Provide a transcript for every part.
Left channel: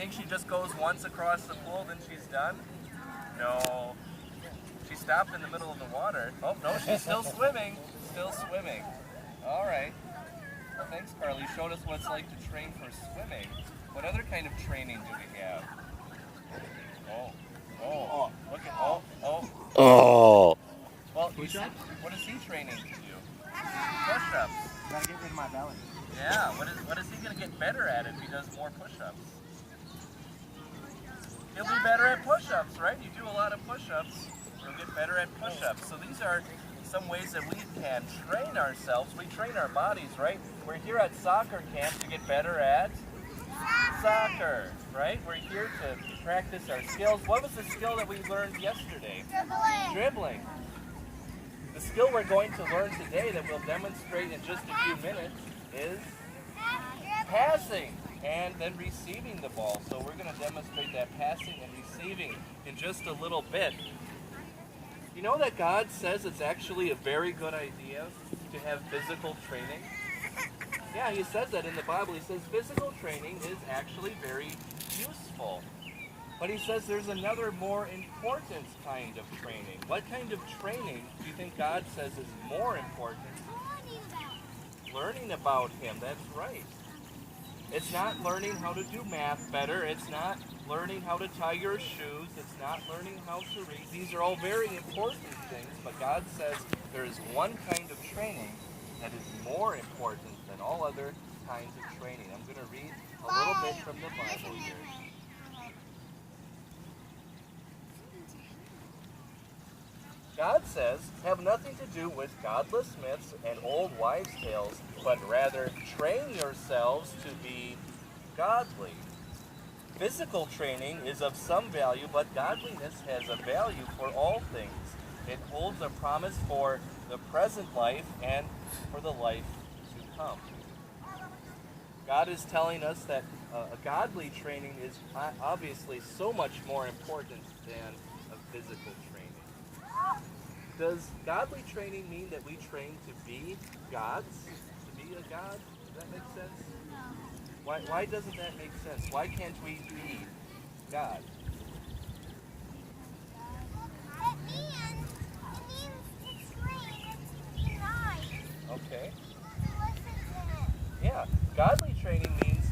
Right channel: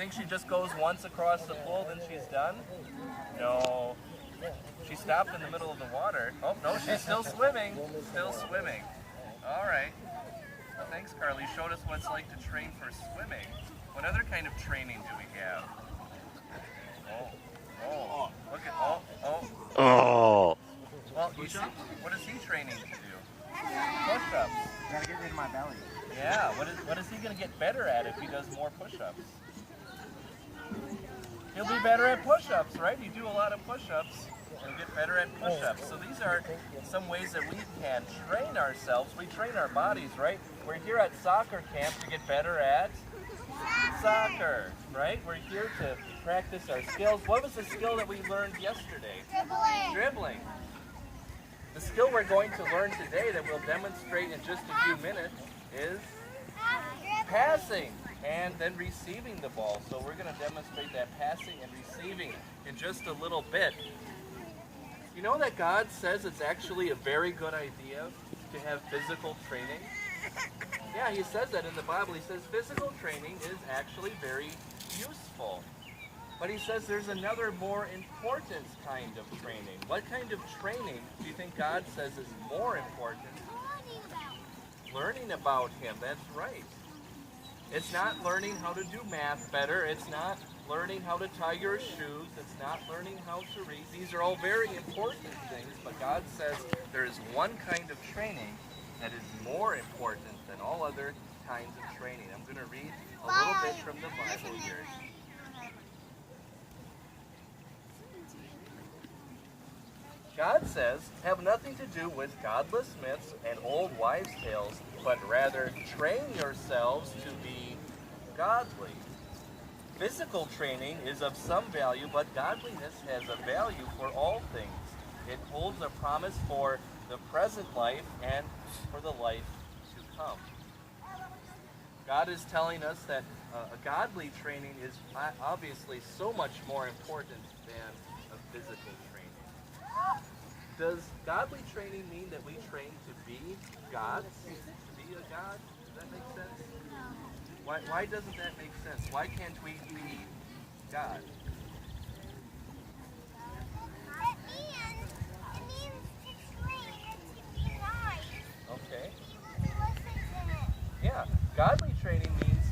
think she just goes once across the pool, then she's done? No. She stopped in the middle of the water. Oh, no, she's still swimming. Still swimming. All right. Well, thanks, Carly. You showed us what it's like to train for swimming. What other kind of training do we have? Oh, look at, Oh. Well, what is he training to do? Push-ups. Gotta get rid of my belly. Yeah, what is he going to get better at if he does more push-ups? He'll be better at push-ups, right? You do a lot of push-ups, you'll get better at push-ups. So these are some ways that we can train ourselves. We train our bodies, right? We're here at soccer camp to get better at soccer, right? We're here to practice our skills. What was the skill that we learned yesterday? Dribbling. The skill we're going to learn today that we'll demonstrate in just a few minutes is passing and then receiving the ball. So we're going to demonstrate that passing and receiving in just a little bit. You know that God says it's actually a very good idea to have physical training? Yeah, he says that in the Bible. He says physical training is actually very useful. But he says there's another more important kind of training. What kind of training do you think God says is more important? Learning about him, that's right. It's not learning how to do math better. It's not learning how to tie your shoes. It's not learning how to read. These are all very important things, but God says there is one kind of training that is more important than all other kinds of training. I'm going to read a little bit from the Bible here. God says, have nothing to do with godless myths and old wives' tales, but rather train yourselves to be godly. Physical training is of some value, but godliness has a value for all things. It holds a promise for the present life and for the life to come. God is telling us that a godly training is obviously so much more important than a physical training. Does godly training mean that we train to be gods? To be a god? Does that make sense? Why doesn't that make sense? Why can't we be God? It means to train to be nice. Okay. Listen to him. Yeah. Godly training means,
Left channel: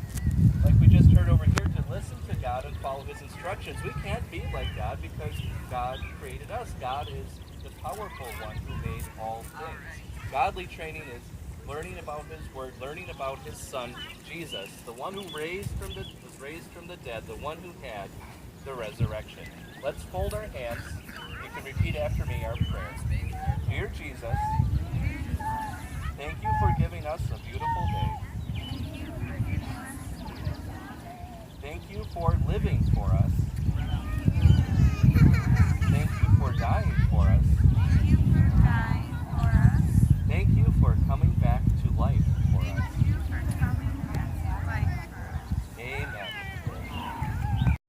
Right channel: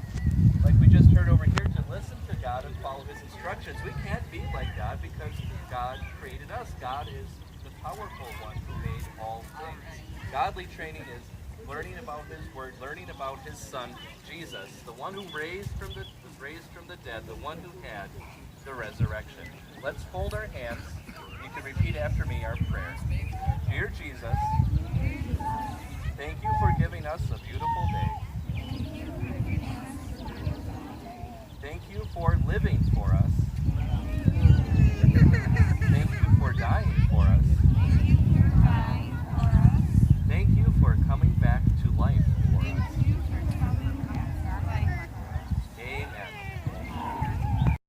like we just heard over here, to listen to God and follow his instructions. We can't be like God because God created us. God is the powerful one who made all things. Godly training is learning about his word, learning about his son, Jesus, the one who was raised from the dead, the one who had the resurrection. Let's hold our hands. You can repeat after me our prayer. Dear Jesus, thank you for giving us a beautiful day. Thank you for living for us. Thank you for dying for us. Thank you for coming back to life for us. Amen.